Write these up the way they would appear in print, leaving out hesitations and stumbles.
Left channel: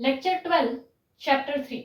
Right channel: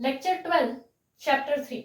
Lecture 12 chapter 3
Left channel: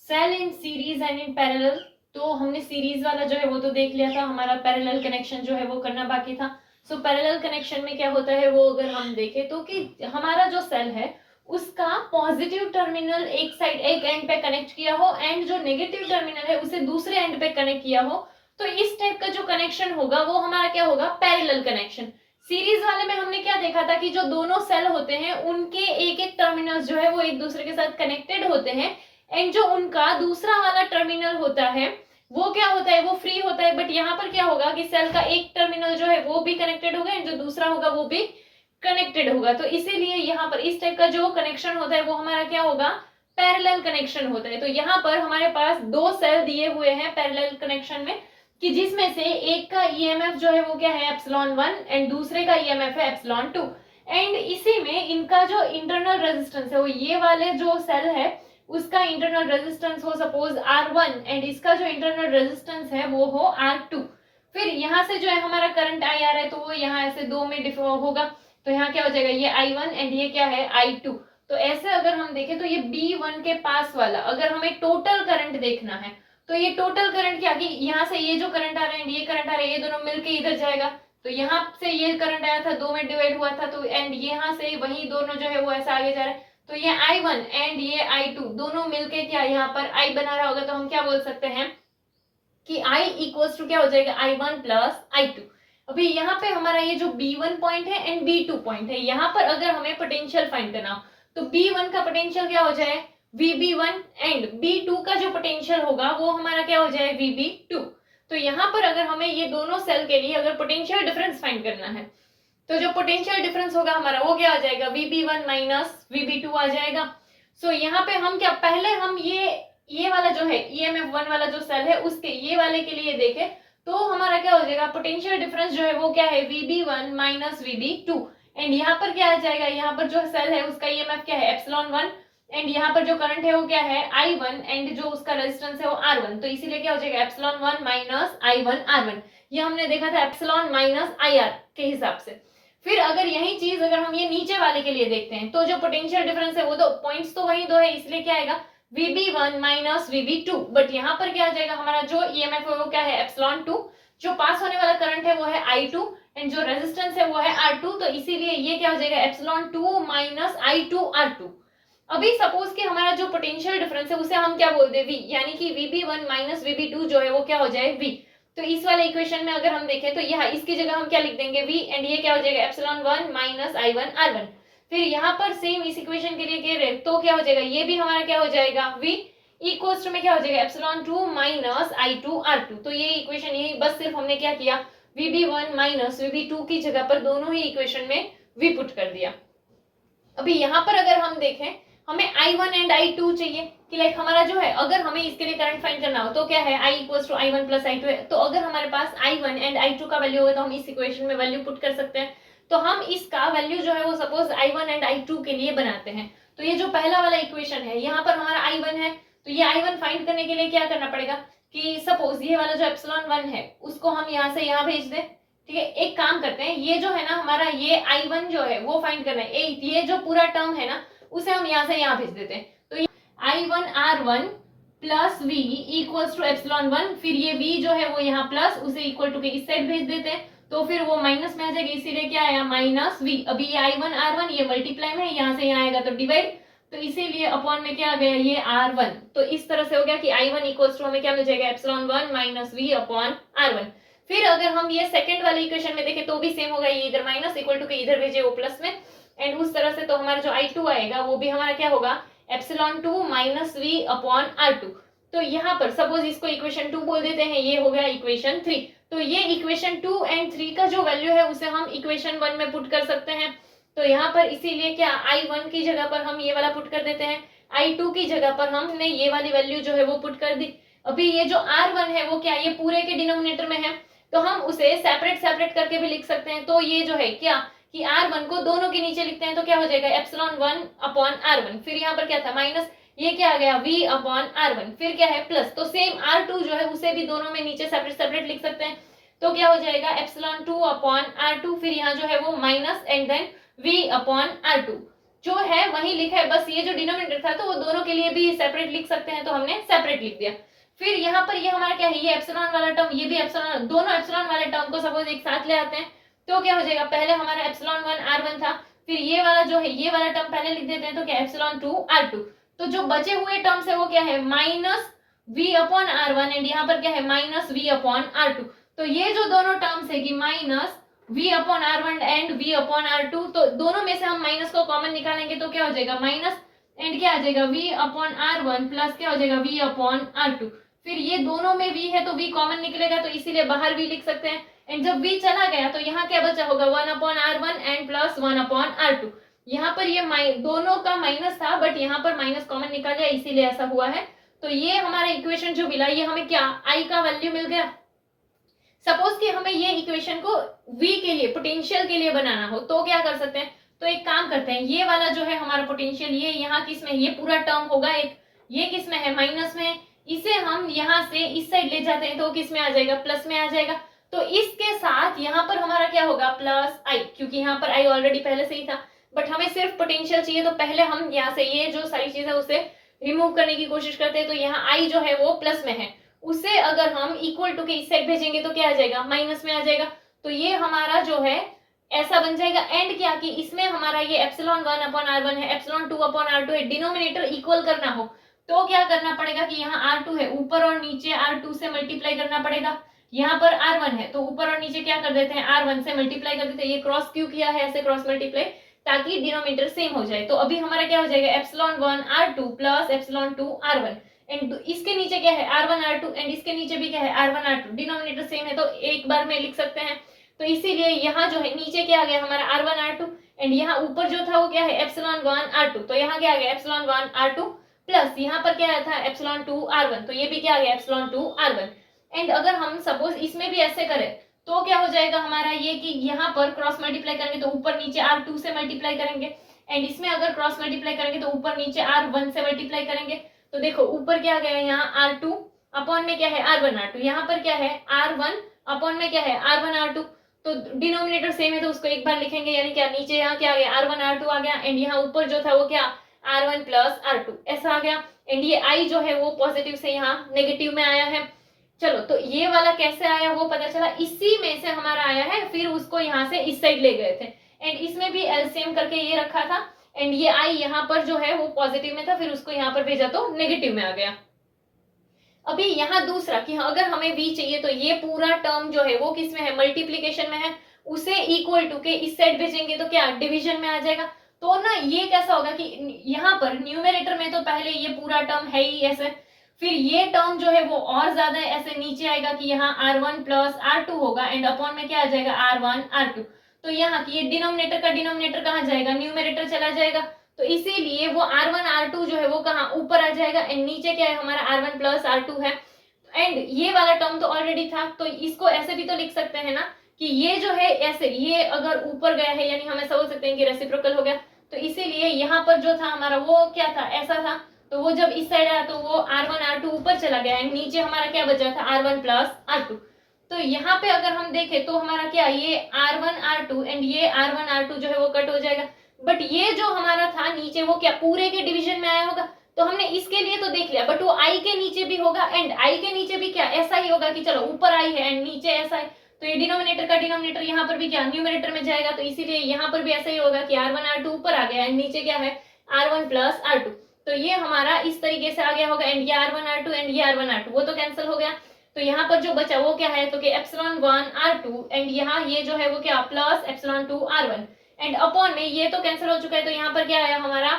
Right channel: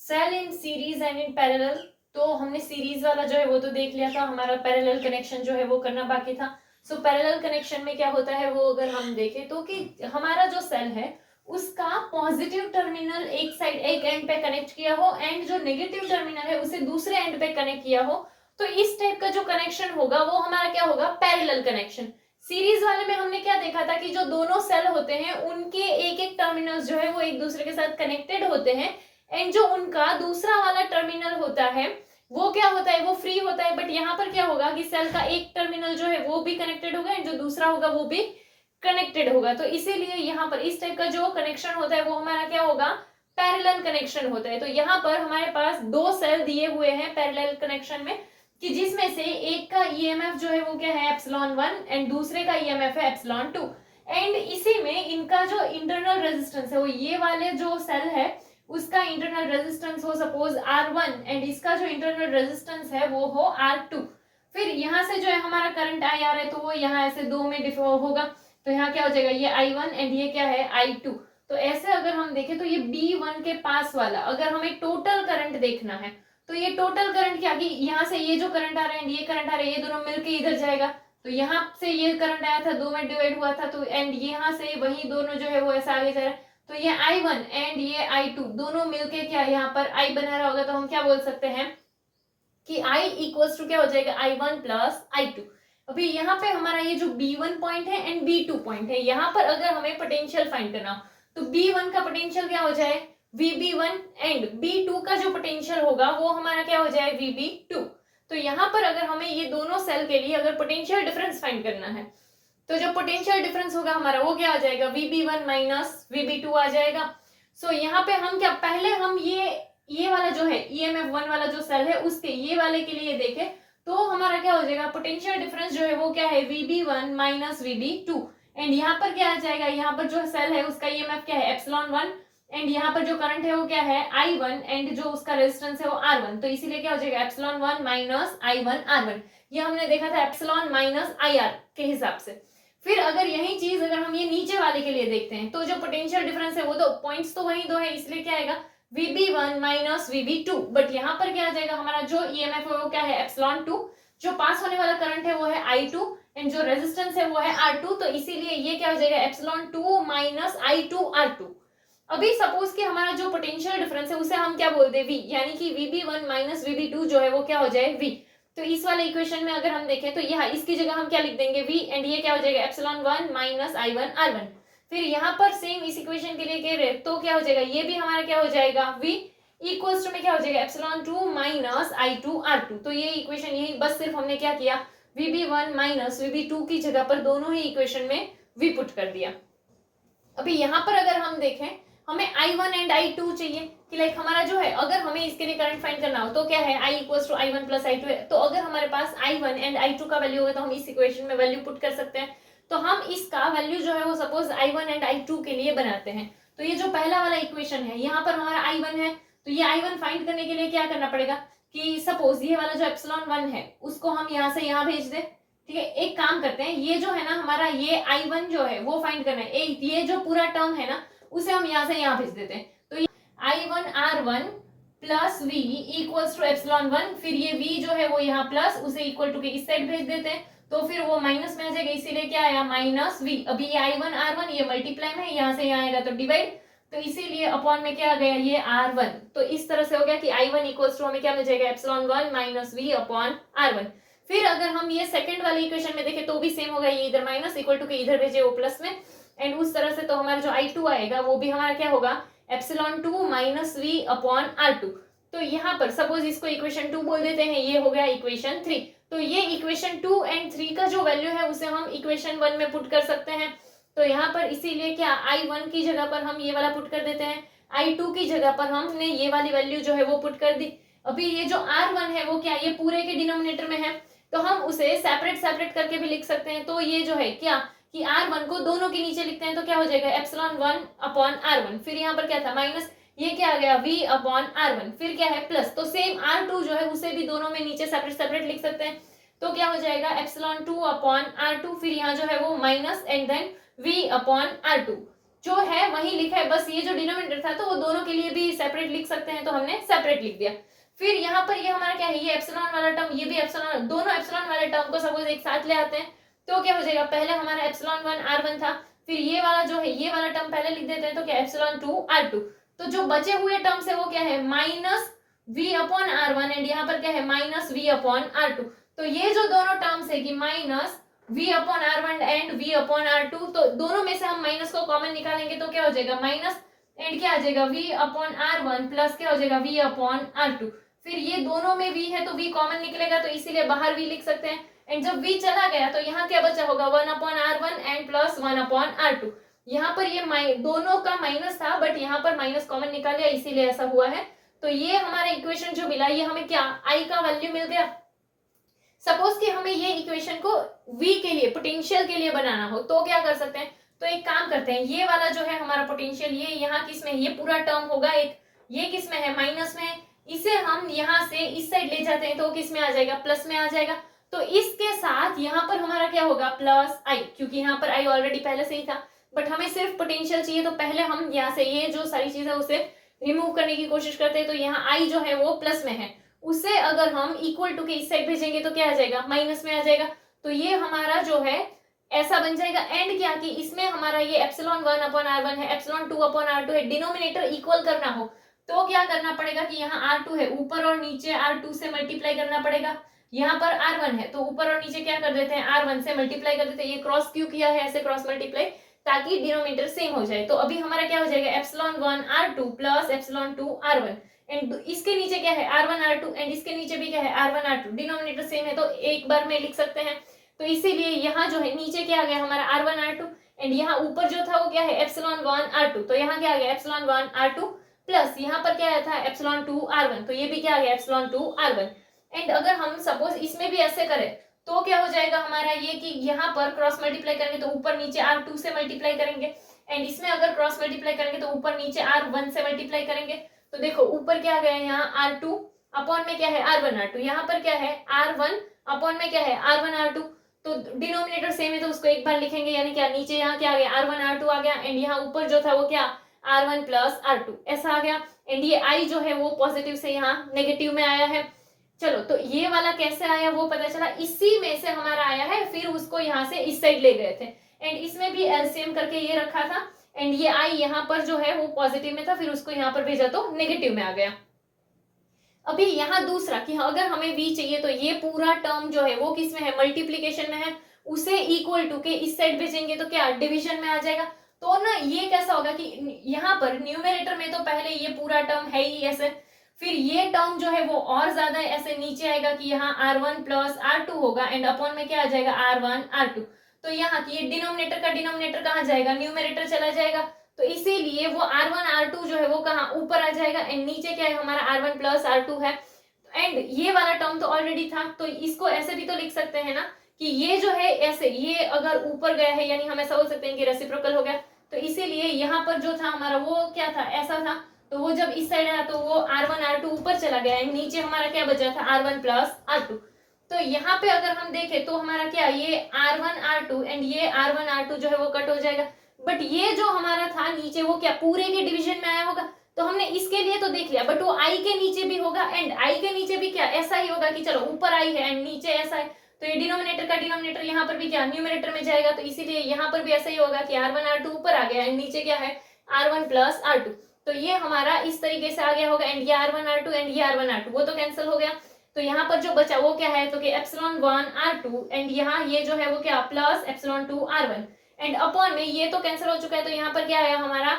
cell in series and in parallel. तो हमने series वाला जो है वो तो देख लिया था, हमारा पैरेलल कनेक्शन जो है वो करना बाकी था। सो पैरेलल कनेक्शन में क्या होता है वो अगर हम देखें तो कि हमारा जो सेल है उसका पॉजिटिव टर्मिनल एक साइड एक एंड पे कनेक्ट किया हो एंड जो नेगेटिव टर्मिनल है उसे दूसरे एंड पे कनेक्ट किया हो, तो इस टाइप का जो कनेक्शन होगा वो हमारा क्या होगा, पैरेलल कनेक्शन। सीरीज वाले में हमने क्या देखा था कि जो दोनों सेल होते हैं उनके एक एक टर्मिनल्स जो है वो एक दूसरे के साथ कनेक्टेड होते हैं एंड जो उनका दूसरा वाला टर्मिनल होता है वो क्या होता है, वो फ्री होता है। बट यहाँ पर क्या होगा कि सेल का एक टर्मिनल जो है वो भी कनेक्टेड होगा एंड जो दूसरा होगा वो भी कनेक्टेड होगा। तो इसीलिए यहाँ पर इस टाइप का जो कनेक्शन होता है वो हमारा क्या होगा, पैरेलल कनेक्शन होता है। तो यहाँ पर हमारे पास दो सेल दिए हुए हैं पैरेलल कनेक्शन में कि जिसमें से एक का ईएमएफ जो है वो क्या है एप्सिलॉन 1 एंड दूसरे का ईएमएफ है एप्सिलॉन 2 एंड इसी में इनका जो इंटरनल रेजिस्टेंस है वो ये वाले जो सेल है उसका इंटरनल रेजिस्टेंस हो सपोज R1 एंड इसका जो इंटरनल रेजिस्टेंस है वो हो R2। फिर यहाँ से जो है हमारा करंट आई आ रहा है तो वो यहाँ ऐसे दो में डिफर होगा, तो यहाँ क्या हो जाएगा, ये I1 एंड ये क्या है I2। तो ऐसे अगर हम देखें तो ये B1 के पास वाला अगर हमें टोटल करंट देखना है तो ये टोटल करंट क्या, कि यहाँ से ये जो करंट आ रहा है एंड ये करंट आ रहा है ये दोनों मिलके इधर जाएगा। तो यहाँ से ये करंट आया था दो में डिवाइड हुआ था तो एंड यहाँ से वही दोनों जो है वो ऐसा आगे जा रहा है। तो ये I1 एंड ये I2 दोनों मिलके क्या यहाँ पर I बना रहा होगा, तो हम क्या बोल सकते हैं कि I इक्वल्स टू क्या हो जाएगा I1 प्लस I2। अभी यहाँ पे हमारा ये जो B1 पॉइंट है एंड B2 पॉइंट है, यहाँ पर अगर हमें पोटेंशियल फाइंड करना हो तो B1 का पोटेंशियल क्या हो जाए VB1 एंड B2 का जो पोटेंशियल होगा वो हमारा क्या हो जाए VB2। तो यहाँ पर अगर हमें ये दोनों सेल के लिए अगर पोटेंशियल डिफरेंस फाइंड करना है तो जो पोटेंशियल डिफरेंस होगा हमारा वो क्या आ जाएगा VB1 माइनस VB2 आ जाएगा। सो यहाँ पे हम क्या, पहले हम ये वाला जो है EMF1 वाला जो सेल है उसके ये वाले के लिए देखें तो हमारा क्या हो जाएगा, पोटेंशियल डिफरेंस जो है वो क्या है VB1 माइनस VB2 एंड यहाँ पर क्या आ जाएगा, यहाँ पर जो सेल है उसका EMF क्या है एप्सिलॉन 1 एंड यहाँ पर जो करंट है वो क्या है I1 एंड जो उसका रेजिस्टेंस है वो R1। तो इसीलिए क्या हो जाएगा एप्सिलॉन 1 माइनस I1 R1। ये हमने देखा था एप्सिलॉन माइनस IR के हिसाब से। फिर अगर यही चीज अगर हम ये नीचे वाले के लिए देखते हैं तो जो पोटेंशियल डिफरेंस है वो तो पॉइंट्स तो वही दो है, इसलिए क्या आएगा VB1 माइनस VB2। बट यहाँ पर क्या आ जाएगा, हमारा जो EMF है वो क्या है एप्सिलॉन 2, जो पास होने वाला करंट है वो है I2 एंड जो रेजिस्टेंस है वो है R2। तो इसीलिए ये क्या हो जाएगा एप्सिलॉन 2 माइनस I2 R2। अभी सपोज कि हमारा जो पोटेंशियल डिफरेंस है उसे हम क्या बोल दे V, यानी कि VB1 माइनस VB2 जो है वो क्या हो जाए V। तो इस वाले इक्वेशन में अगर हम देखें तो यहाँ इसकी जगह हम क्या लिख देंगे V एंड ये क्या हो जाएगा एप्सिलॉन 1 माइनस I1 R1। फिर यहाँ पर सेम इस इक्वेशन के लिए कह रहे तो क्या हो जाएगा, ये भी हमारा क्या हो जाएगा V इक्वल्स टू में क्या हो जाएगा एप्सिलॉन 2 माइनस I2 R2। तो ये इक्वेशन यही बस सिर्फ हमने क्या किया VB1 माइनस VB2 की जगह पर दोनों ही इक्वेशन में V पुट कर दिया। अभी यहाँ पर अगर हम देखें हमें I1 एंड I2 चाहिए कि लाइक हमारा जो है अगर हमें इसके लिए करंट फाइंड करना हो तो क्या है I equals to I1 plus I2 है। तो अगर हमारे पास I1 एंड I2 का वैल्यू होगा तो हम इस इक्वेशन में वैल्यू पुट कर सकते हैं। तो हम इसका वैल्यू जो है वो सपोज I1 एंड I2 के लिए बनाते हैं। तो ये जो पहला वाला इक्वेशन है यहाँ पर हमारा I1 है, तो ये I1 फाइंड करने के लिए क्या करना पड़ेगा कि सपोज ये वाला जो एप्सिलॉन 1 है उसको हम यहाँ से यहाँ भेज दें। ठीक है, एक काम करते हैं, ये जो है ना हमारा ये I1 जो है वो फाइंड करना है, ये जो पूरा टर्म है ना उसे हम यहाँ से यहाँ भेज देते हैं। तो ये I1 R1 plus V equals to epsilon 1, फिर ये V जो है वो यहाँ प्लस उसे इक्वल टू के इस साइड भेज देते हैं तो फिर वो माइनस में आ जाएगा, इसीलिए क्या आया माइनस V। अभी ये I1 R1 ये मल्टीप्लाई में यहाँ से यहाँ आएगा तो डिवाइड, तो इसीलिए अपॉन में क्या आ गया ये R1। तो इस तरह से हो गया कि I1 इक्वल्स टू हमें क्या मिल जाएगा epsilon 1 minus V upon R1। फिर अगर हम ये सेकंड वाले इक्वेशन में देखें तो भी सेम होगा, ये इधर माइनस इक्वल टू के इधर भेजे वो प्लस में एंड उस तरह से तो हमारा जो I2 आएगा वो भी हमारा क्या होगा epsilon 2 minus V upon R2। तो यहाँ पर सपोज इसको इक्वेशन 2 बोल देते हैं, ये हो गया इक्वेशन 3। तो ये इक्वेशन 2 एंड 3 का जो वैल्यू है उसे हम इक्वेशन 1 में पुट कर सकते हैं। तो यहाँ पर इसीलिए क्या I1 की जगह पर हम ये वाला पुट कर देते हैं, I2 की जगह पर हमने ये वाली वैल्यू जो है वो पुट कर दी। अभी ये जो R1 है वो क्या ये पूरे के डिनोमिनेटर में है तो हम उसे सेपरेट सेपरेट करके भी लिख सकते हैं। तो ये जो है क्या कि R1 को दोनों के नीचे लिखते हैं तो क्या हो जाएगा एप्सिलॉन 1 अपॉन R1। फिर यहाँ पर क्या था माइनस, ये क्या आ गया V अपॉन R1, फिर क्या है प्लस। तो सेम R2 जो है उसे भी दोनों में नीचे सेपरेट सेपरेट लिख सकते हैं तो क्या हो जाएगा एप्सिलॉन 2 अपॉन R2, फिर यहाँ जो है वो minus and then V upon R2। जो है वही लिखा है, बस ये जो डिनोमिनेटर था तो वो दोनों के लिए भी सेपरेट लिख सकते हैं, तो हमने सेपरेट लिख दिया। फिर यहाँ पर ये हमारा क्या है, ये एप्सिलॉन वाला टर्म, ये भी एप्सिलॉन, दोनों एप्सिलॉन वाले टर्म को सपोज एक साथ ले आते हैं तो क्या हो जाएगा, पहले हमारा एप्सिलॉन 1 r1 था, फिर ये वाला जो है ये वाला टर्म पहले लिख देते हैं, तो क्या एप्सिलॉन 2 r2। तो जो बचे हुए टर्म्स है वो क्या है, minus v upon r1 and यहाँ पर क्या है माइनस v अपॉन r2। तो ये जो दोनों टर्म्स है कि minus v upon r1 and v upon r2, तो दोनों में से हम माइनस को कॉमन निकालेंगे तो क्या हो जाएगा माइनस एंड क्या आ जाएगा v अपॉन r1 प्लस क्या हो जाएगा v अपॉन r2। फिर ये दोनों में v है तो v कॉमन निकलेगा, तो इसीलिए बाहर v लिख सकते हैं। एंड जब v चला गया तो यहाँ क्या बचा होगा 1 upon r1 and plus 1 upon r2। यहाँ पर ये दोनों का माइनस था बट यहाँ पर माइनस कॉमन निकाल लिया, इसीलिए ऐसा हुआ है। तो ये हमारा इक्वेशन जो मिला, ये हमें क्या i का वैल्यू मिल गया। सपोज कि हमें ये इक्वेशन को v के लिए, पोटेंशियल के लिए बनाना हो तो क्या कर सकते हैं, तो एक काम करते हैं, ये वाला जो है हमारा पोटेंशियल, ये यहाँ किस में, ये पूरा टर्म होगा एक, ये किस में है माइनस में, इसे हम यहाँ से इस साइड ले जाते हैं तो किस में आ जाएगा, प्लस में आ जाएगा। तो इसके साथ यहाँ पर हमारा क्या होगा प्लस i, क्योंकि यहाँ पर i ऑलरेडी पहले से ही था, बट हमें सिर्फ पोटेंशियल चाहिए तो पहले हम यहाँ से ये जो सारी चीज है उसे रिमूव करने की कोशिश करते हैं। तो यहाँ i जो है वो प्लस में है, उसे अगर हम इक्वल टू के इस साइड भेजेंगे तो क्या आ जाएगा माइनस में आ जाएगा। तो ये हमारा जो है ऐसा बन जाएगा। एंड क्या कि इसमें हमारा ये एप्सिलॉन 1 अपॉन r1 है, एप्सिलॉन 2 अपॉन r2 है, डिनोमिनेटर इक्वल करना हो तो क्या करना पड़ेगा कि यहाँ r2 है, ऊपर और नीचे r2 से मल्टीप्लाई करना पड़ेगा। यहाँ पर r1 है तो ऊपर और नीचे क्या कर देते हैं r1 से मल्टीप्लाई कर देते हैं। ये क्रॉस क्यों किया है, ऐसे क्रॉस मल्टीप्लाई, ताकि डिनोमिनेटर सेम हो जाए। तो अभी हमारा क्या हो जाएगा epsilon 1 r2 plus epsilon 2 r1 and इसके नीचे क्या है r1 r2 एंड इसके नीचे भी क्या है r1 r2, डिनोमिनेटर सेम है तो एक बार में लिख सकते हैं। तो इसीलिए यहाँ जो है नीचे क्या आ गया हमारा r1 r2 एंड यहाँ ऊपर जो था वो क्या है एप्सिलॉन 1 r2, तो यहाँ क्या आ गया एप्सिलॉन 1 r2 प्लस यहाँ पर क्या आया था एप्सिलॉन 2 r1, तो ये भी क्या आ गया एप्सिलॉन 2 r1। एंड अगर हम सपोज इसमें भी ऐसे करें तो क्या हो जाएगा हमारा ये कि यहाँ पर क्रॉस मल्टीप्लाई करेंगे तो ऊपर नीचे r2 से मल्टीप्लाई करेंगे, एंड इसमें अगर क्रॉस मल्टीप्लाई करेंगे तो ऊपर नीचे r1 से मल्टीप्लाई करेंगे। तो देखो ऊपर क्या गया है यहाँ r2 अपॉन में क्या है r1 r2, यहाँ पर क्या है r1 अपॉन में क्या है r1 r2, तो डिनोमिनेटर सेम है तो उसको एक बार लिखेंगे, यानी क्या नीचे यहाँ क्या आ गया r1 r2 आ गया एंड यहाँ ऊपर जो था वो क्या r1 प्लस r2 ऐसा आ गया। एंड ये i जो है वो पॉजिटिव से यहाँ नेगेटिव में आया है। चलो तो ये वाला कैसे आया वो पता चला, इसी में से हमारा आया है, फिर उसको यहाँ से इस साइड ले गए थे एंड इसमें भी एलसीएम करके ये रखा था एंड ये i यहाँ पर जो है वो पॉजिटिव में था, फिर उसको यहाँ पर भेजा तो नेगेटिव में आ गया। अभी यहाँ दूसरा कि अगर हमें v चाहिए तो ये पूरा टर्म जो है वो किस में है मल्टीप्लीकेशन में है, उसे इक्वल टू के इस साइड भेजेंगे तो क्या डिवीजन में आ जाएगा। तो ना ये कैसा होगा कि यहाँ पर न्यूमरेटर में तो पहले ये पूरा टर्म है ही ऐसे, फिर ये टर्म जो है वो और ज्यादा ऐसे नीचे आएगा कि यहाँ r1 प्लस r2 होगा एंड अपॉन में क्या आ जाएगा r1 r2। तो यहाँ की ये डिनोमिनेटर का डिनोमिनेटर कहाँ जाएगा न्यूमरेटर चला जाएगा, तो इसीलिए वो r1 r2 जो है वो कहाँ ऊपर आ जाएगा एंड नीचे क्या है हमारा r1 प्लस r2 है। एंड ये वाला टर्म तो ऑलरेडी था तो इसको ऐसे भी तो लिख सकते हैं ना कि ये जो है ऐसे, ये अगर ऊपर गया है यानी हम ऐसा बोल सकते हैं कि रेसिप्रोकल हो गया। तो इसीलिए यहाँ पर जो था हमारा वो क्या था ऐसा था, तो वो जब इस साइड आया तो वो r1 r2 ऊपर चला गया एंड नीचे हमारा क्या बचा था r1 प्लस r2। तो यहाँ पे अगर हम देखें तो हमारा क्या ये r1 r2 एंड ये r1 r2 जो है वो कट हो जाएगा, बट ये जो हमारा था नीचे वो क्या पूरे के डिवीजन में आया होगा। तो हमने इसके लिए तो देख लिया, बट वो i के नीचे भी होगा एंड i के नीचे भी क्या ऐसा ही होगा कि चलो ऊपर i है एंड नीचे ऐसा है, तो ये डिनोमिनेटर का डिनोमिनेटर यहाँ पर भी क्या न्यूमरेटर में जाएगा, तो इसीलिए यहाँ पर भी ऐसा ही होगा कि r1 r2 ऊपर आ गया एंड नीचे क्या है r1 प्लस r2। तो ये हमारा इस तरीके से आ गया होगा एंड ये r1 r2 एंड ये r1 r2 वो तो कैंसिल हो गया। तो यहाँ पर जो बचा वो क्या है तो कि एप्सिलॉन 1 r2 एंड यहाँ ये जो है वो क्या plus epsilon 2 r1 and upon में ये तो कैंसिल हो चुका है, तो यहाँ पर क्या आया हमारा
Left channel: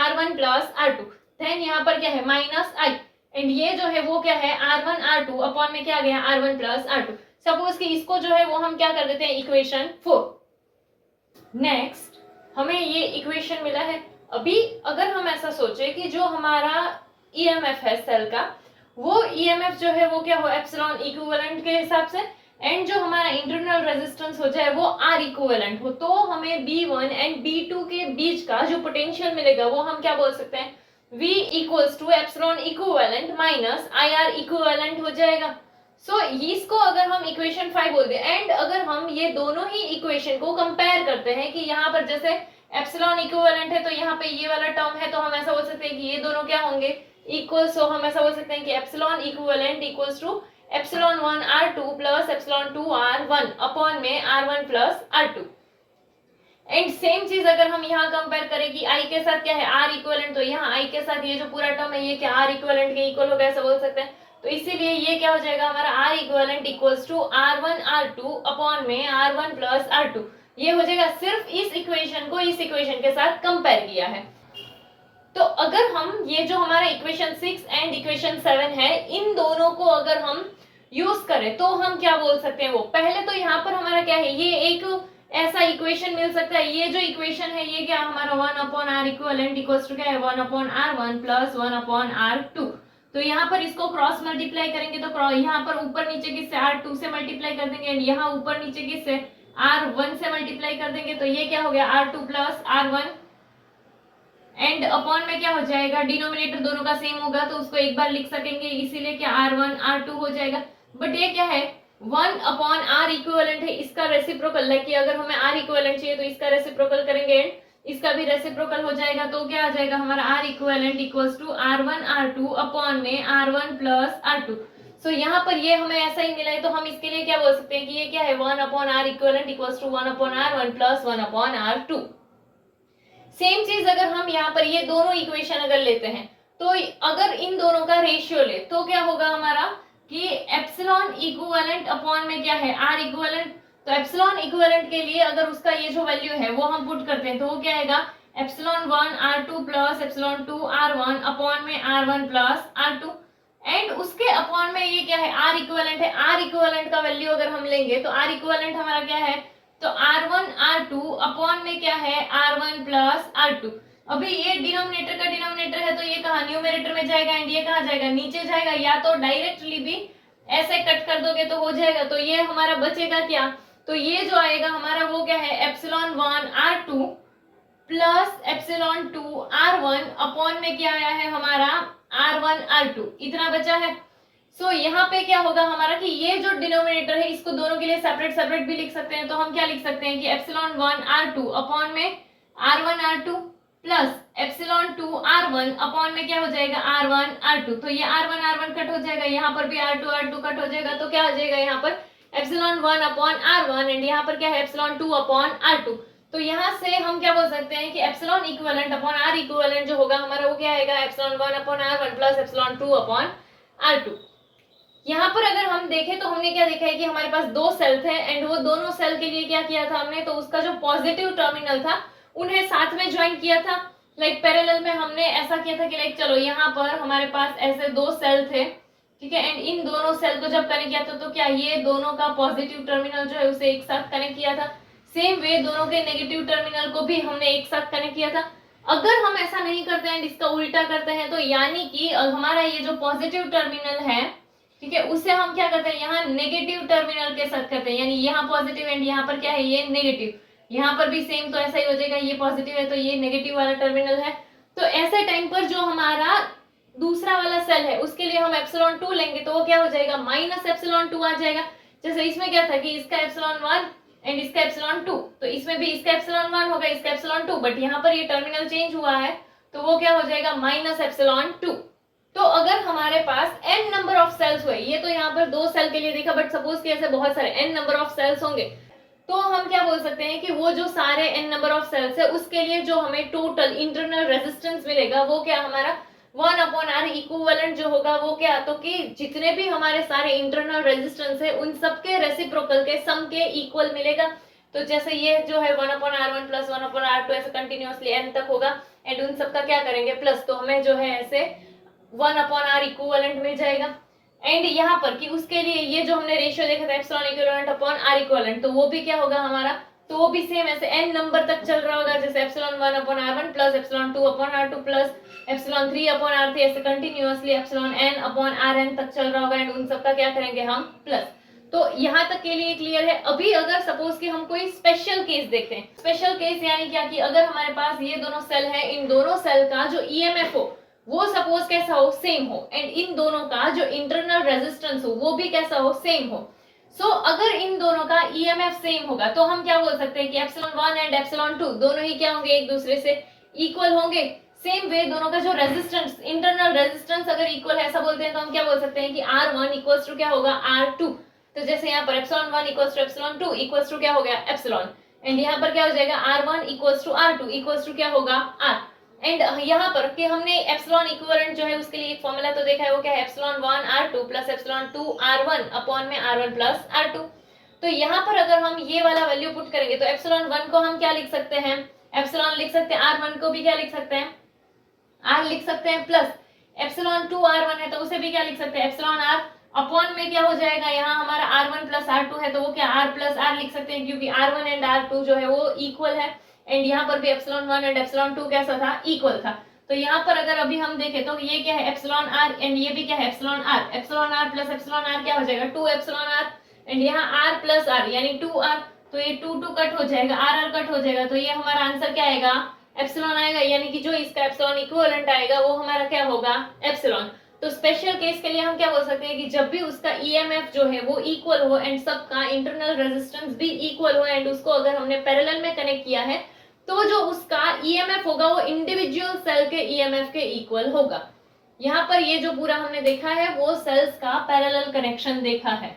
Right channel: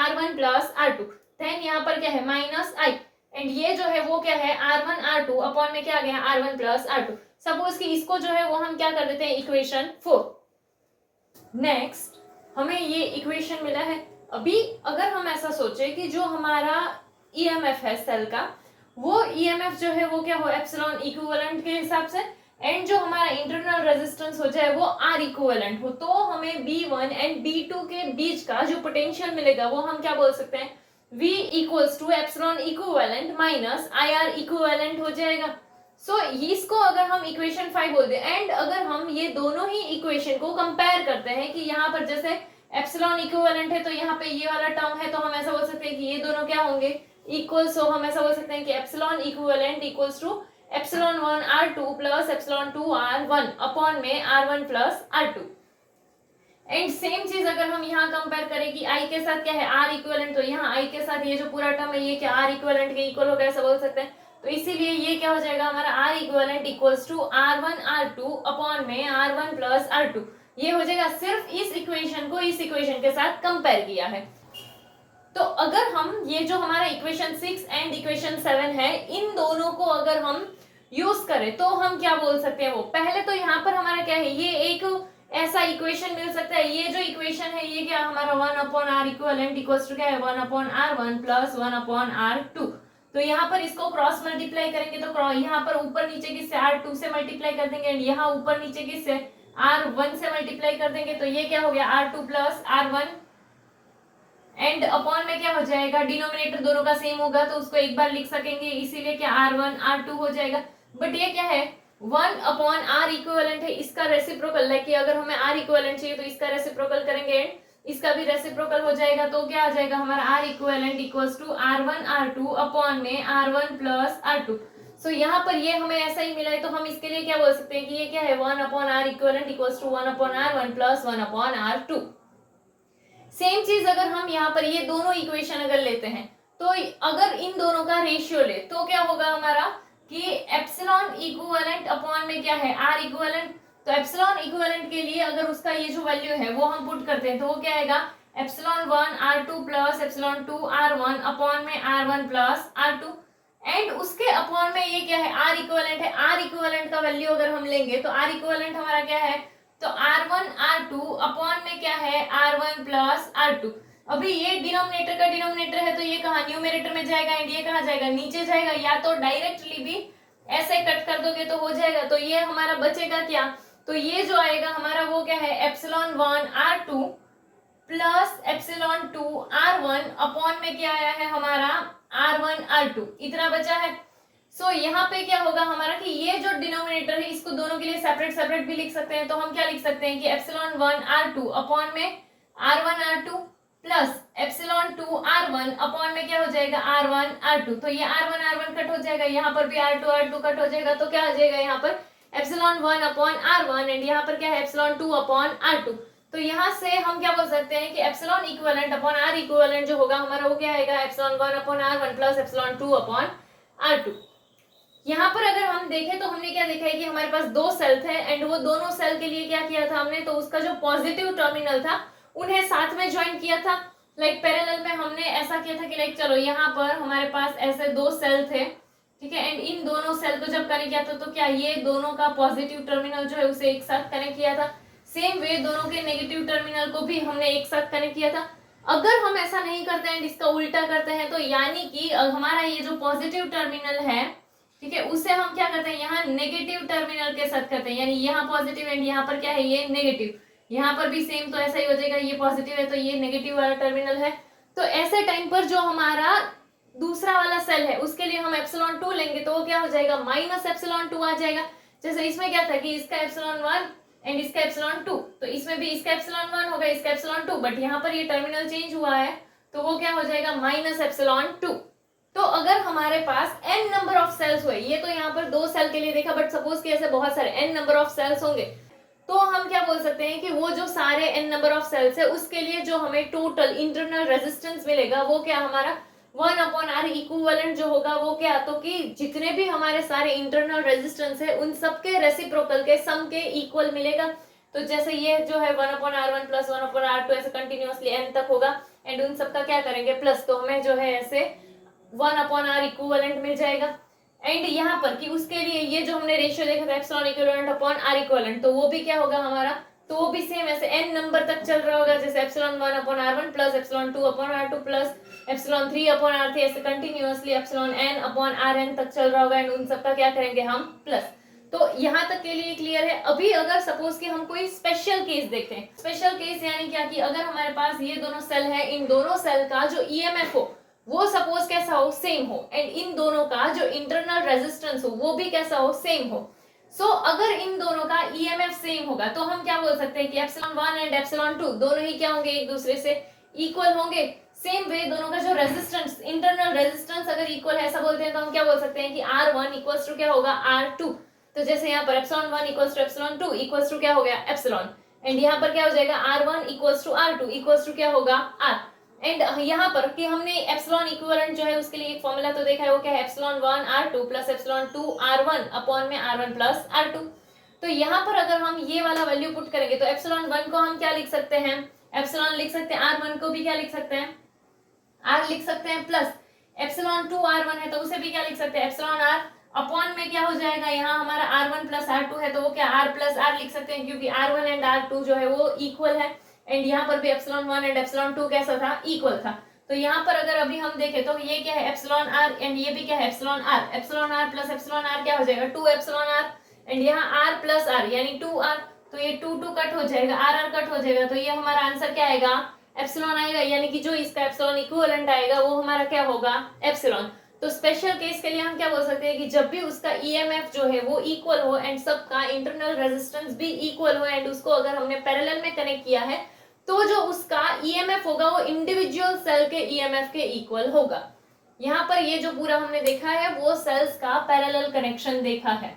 r1 प्लस r2, देन यहाँ पर क्या है माइनस i एंड ये जो है वो क्या है r1 r2 अपॉन में क्या आ गया r1 प्लस r2। सपोज कि इसको जो है वो हम क्या कर देते हैं इक्वेशन 4। नेक्स्ट हमें ये इक्वेशन मिला है। अभी अगर हम ऐसा सोचे कि जो हमारा ईएमएफ है सेल का, वो ईएमएफ जो है वो क्या हो एप्सिलॉन इक्विवेलेंट के हिसाब से एंड जो हमारा इंटरनल रेजिस्टेंस हो जाए वो आर इक्विवेलेंट हो, तो हमें B1 एंड B2 के बीच का जो पोटेंशियल मिलेगा वो हम क्या बोल सकते हैं V equals to epsilon equivalent minus IR equivalent हो जाएगा। सो इसको अगर हम इक्वेशन 5 बोल दें एंड अगर हम ये दोनों ही इक्वेशन को कंपेयर करते हैं कि यहाँ पर जैसे एप्सिलॉन इक्विवेलेंट है तो यहाँ पे ये वाला टर्म है, तो हम ऐसा बोल सकते हैं कि ये दोनों क्या होंगे, इक्वल। सो हम ऐसा बोल सकते हैं कि epsilon equivalent equals to epsilon 1 R2 plus epsilon 2 R1 upon में R1 plus R2। And same चीज अगर हम यहाँ कंपेयर करें कि I के साथ क्या है, R इक्विवेलेंट, तो यहाँ I के साथ ये जो पूरा टर्म है ये क्या R इक्विवेलेंट के इक्वल होगा, ऐसा बोल सकते हैं। तो इसीलिए ये क्या हो जाएगा हमारा R equivalent equals to R1 R2 upon में R1 प्लस R2। ये हो जाएगा, सिर्फ इस इक्वेशन को इस इक्वेशन के साथ कंपेयर किया है। तो अगर हम ये जो हमारा इक्वेशन 6 एंड इक्वेशन 7 है, इन दोनों को अगर हम यूज करें तो हम क्या बोल सकते हैं, वो पहले तो यहाँ पर हमारा क्या है, ये एक ऐसा इक्वेशन मिल सकता है। ये जो इक्वेशन है ये क्या हमारा 1 upon R equivalent equals to क्या है 1 upon R1 plus 1 upon R2। तो यहाँ पर इसको क्रॉस मल्टीप्लाई करेंगे तो यहाँ पर ऊपर नीचे किससे R2 से मल्टीप्लाई कर देंगे, एंड यहाँ ऊपर नीचे किससे R1 से मल्टीप्लाई कर देंगे, तो ये क्या हो गया R2 plus R1, and upon में क्या हो जाएगा, डिनोमिनेटर दोनों का सेम होगा तो उसको एक बार लिख सकेंगे, इसीलिए क्या R1 R2 हो जाएगा। बट ये क्या है 1 अपॉन आर इक्विवेलेंट है, इसका रेसिप्रोकल, लाइक कि अगर हमें आर इक्विवेलेंट चाहिए तो इसका रेसिप्रोकल करेंगे एंड इसका भी रेसिप्रोकल हो जाएगा, तो क्या आ जाएगा हमारा R equivalent equals to R1 R2 upon में R1 प्लस R2। सो यहाँ पर ये हमें ऐसा ही मिला है, तो हम इसके लिए क्या बोल सकते हैं कि ये क्या है 1 upon R equivalent equals to 1 upon R1 plus 1 upon R2। Same चीज अगर हम यहाँ पर ये दोनों इक्वेशन अगर लेते हैं, तो अगर इन दोनों का रेशियो ले तो क्या होगा हमारा कि एप्सिलॉन इक्विवेलेंट अपॉन में क्या है आर इक्विवेलेंट। तो एप्सिलॉन इक्विवेलेंट के लिए अगर उसका ये जो वैल्यू है वो हम पुट करते हैं तो वो क्या आएगा epsilon 1 R2 plus epsilon 2 R1 upon में R1 प्लस R2। एंड उसके अपॉन में ये क्या है आर इक्विवेलेंट है, आर इक्विवेलेंट का वैल्यू अगर हम लेंगे तो आर इक्विवेलेंट हमारा क्या है, तो R1 R2 अपॉन में क्या है R1 प्लस R2। अभी ये डिनोमिनेटर का डिनोमिनेटर है तो ये कहाँ न्यूमरेटर में जाएगा एंड ये कहाँ जाएगा नीचे जाएगा, या तो डायरेक्टली भी ऐसे कट कर दोगे तो हो जाएगा। तो ये हमारा बचेगा क्या, तो ये जो आएगा हमारा वो क्या है epsilon 1 R2 plus epsilon 2 R1 upon में क्या आया है हमारा R1 R2, इतना बचा है। सो यहाँ पे क्या होगा हमारा कि ये जो डिनोमिनेटर है इसको दोनों के लिए सेपरेट सेपरेट भी लिख सकते हैं, तो हम क्या लिख सकते हैं कि एप्सिलॉन 1 R2 अपॉन में R1 R2 plus epsilon 2 R1 upon में क्या हो जाएगा R1 R2। तो ये R1 R1 कट हो जाएगा, यहाँ पर भी R2 R2 कट हो जाएगा, तो क्या हो जाएगा यहाँ पर एप्सिलॉन 1 अपॉन R1 एंड यहाँ पर क्या है एप्सिलॉन 2 अपॉन R2। तो यहाँ से हम क्या बोल सकते हैं कि epsilon equivalent upon R equivalent जो होगा हमारा वो क्या आएगा epsilon 1 upon R1 plus epsilon 2 upon R2। यहाँ पर अगर हम देखें तो हमने क्या देखा है कि हमारे पास दो सेल थे एंड वो दोनों सेल के लिए क्या किया था हमने, तो उसका जो पॉजिटिव टर्मिनल था उन्हें साथ में ज्वाइन किया था। लाइक पैरेलल में हमने ऐसा किया था कि लाइक चलो यहाँ पर हमारे पास ऐसे दो सेल थे, ठीक है, एंड इन दोनों सेल को जब कनेक्ट किया था तो क्या ये दोनों का पॉजिटिव टर्मिनल जो है उसे एक साथ कनेक्ट किया था। सेम वे दोनों के नेगेटिव टर्मिनल को भी हमने एक साथ कनेक्ट किया था। अगर हम ऐसा नहीं करते हैं इसका उल्टा करते हैं तो यानी कि हमारा ये जो पॉजिटिव टर्मिनल है, ठीक है, उससे हम क्या करते हैं यहाँ नेगेटिव टर्मिनल के साथ करते हैं, यानी यहाँ पॉजिटिव एंड यहाँ पर क्या है ये नेगेटिव, यहाँ पर भी सेम तो ऐसा ही हो जाएगा, ये पॉजिटिव है तो ये नेगेटिव वाला टर्मिनल है। तो ऐसे टाइम पर जो हमारा दूसरा वाला सेल है उसके लिए हम एप्सिलॉन 2 लेंगे तो वो क्या हो जाएगा माइनस एप्सिलॉन 2 आ जाएगा। जैसे इसमें क्या था कि इसका एप्सिलॉन 1 एंड इसका एप्सिलॉन 2, तो इसमें भी इसका एप्सिलॉन 1 होगा इसका एप्सिलॉन 2, बट यहाँ पर ये टर्मिनल चेंज हुआ है तो वो क्या हो जाएगा माइनस एप्सिलॉन 2। तो अगर हमारे पास n नंबर ऑफ सेल्स हुए, ये तो यहाँ पर दो सेल के लिए देखा, बट सपोज कि ऐसे बहुत सारे n नंबर ऑफ सेल्स होंगे, तो हम क्या बोल सकते हैं कि वो जो सारे n नंबर ऑफ सेल्स है उसके लिए जो हमें टोटल इंटरनल रेजिस्टेंस मिलेगा वो क्या हमारा 1 अपॉन आर इक्विवेलेंट जो होगा वो क्या, तो कि जितने भी हमारे सारे इंटरनल रेजिस्टेंस है उन सबके रेसिप्रोकल के सम के इक्वल मिलेगा। तो जैसे ये जो है 1 upon R1 plus 1 upon R2 ऐसे कंटिन्यूअसली n तक होगा एंड उन सबका क्या करेंगे प्लस, तो हमें जो है ऐसे 1 अपॉन आर इक्विवेलेंट मिल जाएगा। एंड यहाँ पर कि उसके लिए ये जो हमने रेशियो देखा था epsilon equivalent upon R equivalent, तो वो भी क्या होगा हमारा, तो वो भी सेम ऐसे n नंबर तक चल रहा होगा, जैसे epsilon 1 upon R1 plus epsilon 2 upon R2 plus epsilon 3 upon R3 ऐसे continuously epsilon n upon Rn तक चल रहा होगा एंड उन सबका क्या करेंगे हम प्लस। तो यहाँ तक के लिए क्लियर है। अभी अगर सपोज कि हम कोई स्पेशल केस देखते हैं, स्पेशल केस यानी क्या कि अगर हमारे पास ये दोनों सेल है, इन दोनों सेल का जो ईएमएफ हो वो सपोज कैसा हो सेम हो एंड इन दोनों का जो इंटरनल रेजिस्टेंस हो वो भी कैसा हो सेम हो, सो अगर इन दोनों का ईएमएफ सेम होगा तो हम क्या बोल सकते हैं कि एप्सिलॉन 1 एंड एप्सिलॉन 2 दोनों ही क्या होंगे, एक दूसरे से इक्वल होंगे। सेम वे दोनों का जो रेजिस्टेंस, इंटरनल रेजिस्टेंस अगर इक्वल है ऐसा बोलते हैं तो हम क्या बोल सकते हैं कि R1 इक्वल्स टू क्या होगा, R2। तो जैसे यहाँ पर epsilon 1 equals to epsilon 2 equals to क्या हो गया, एप्सिलॉन। एंड यहाँ पर क्या हो जाएगा, R1 equals to R2 equals to क्या होगा, R। एंड यहाँ पर कि हमने एप्सिलॉन इक्विवेलेंट जो है उसके लिए एक फॉर्मूला तो देखा है, वो क्या है, epsilon 1 R2 plus epsilon 2 R1 upon में R1 प्लस R2। तो यहाँ पर अगर हम ये वाला वैल्यू पुट करेंगे तो एप्सिलॉन 1 को हम क्या लिख सकते हैं, एप्सिलॉन लिख सकते हैं, R1 को भी क्या लिख सकते हैं, R लिख सकते हैं, प्लस एप्सिलॉन 2 R1 है तो उसे भी क्या लिख सकते हैं, एप्सिलॉन R अपॉन में क्या हो जाएगा, यहाँ हमारा R1 प्लस R2 है तो वो क्या R प्लस R लिख सकते हैं, क्योंकि R1 एंड R2 जो है वो इक्वल है। एंड यहाँ पर भी एप्सिलॉन 1 एंड एप्सिलॉन 2 कैसा था, इक्वल था। तो यहाँ पर अगर अभी हम देखें तो ये क्या है, एप्सिलॉन R एंड ये भी क्या है, epsilon R। Epsilon R plus epsilon R क्या हो जाएगा, 2 एप्सिलॉन R। एंड यहाँ R प्लस R यानी 2R, तो ये 2 कट हो जाएगा, R कट हो जाएगा, तो ये हमारा आंसर क्या आएगा, एप्सिलॉन आएगा। यानी कि जो इसका एप्सिलॉन इक्विवेलेंट आएगा वो हमारा क्या होगा, एप्सिलॉन। तो स्पेशल केस के लिए हम क्या बोल सकते हैं कि जब भी उसका ईएमएफ जो है वो इक्वल हो एंड सबका इंटरनल रेजिस्टेंस भी इक्वल हो एंड उसको अगर हमने पैरेलल में कनेक्ट किया है तो जो उसका ईएमएफ होगा वो इंडिविजुअल सेल के ईएमएफ के इक्वल होगा। यहाँ पर ये जो पूरा हमने देखा है वो सेल्स का पैरेलल कनेक्शन देखा है।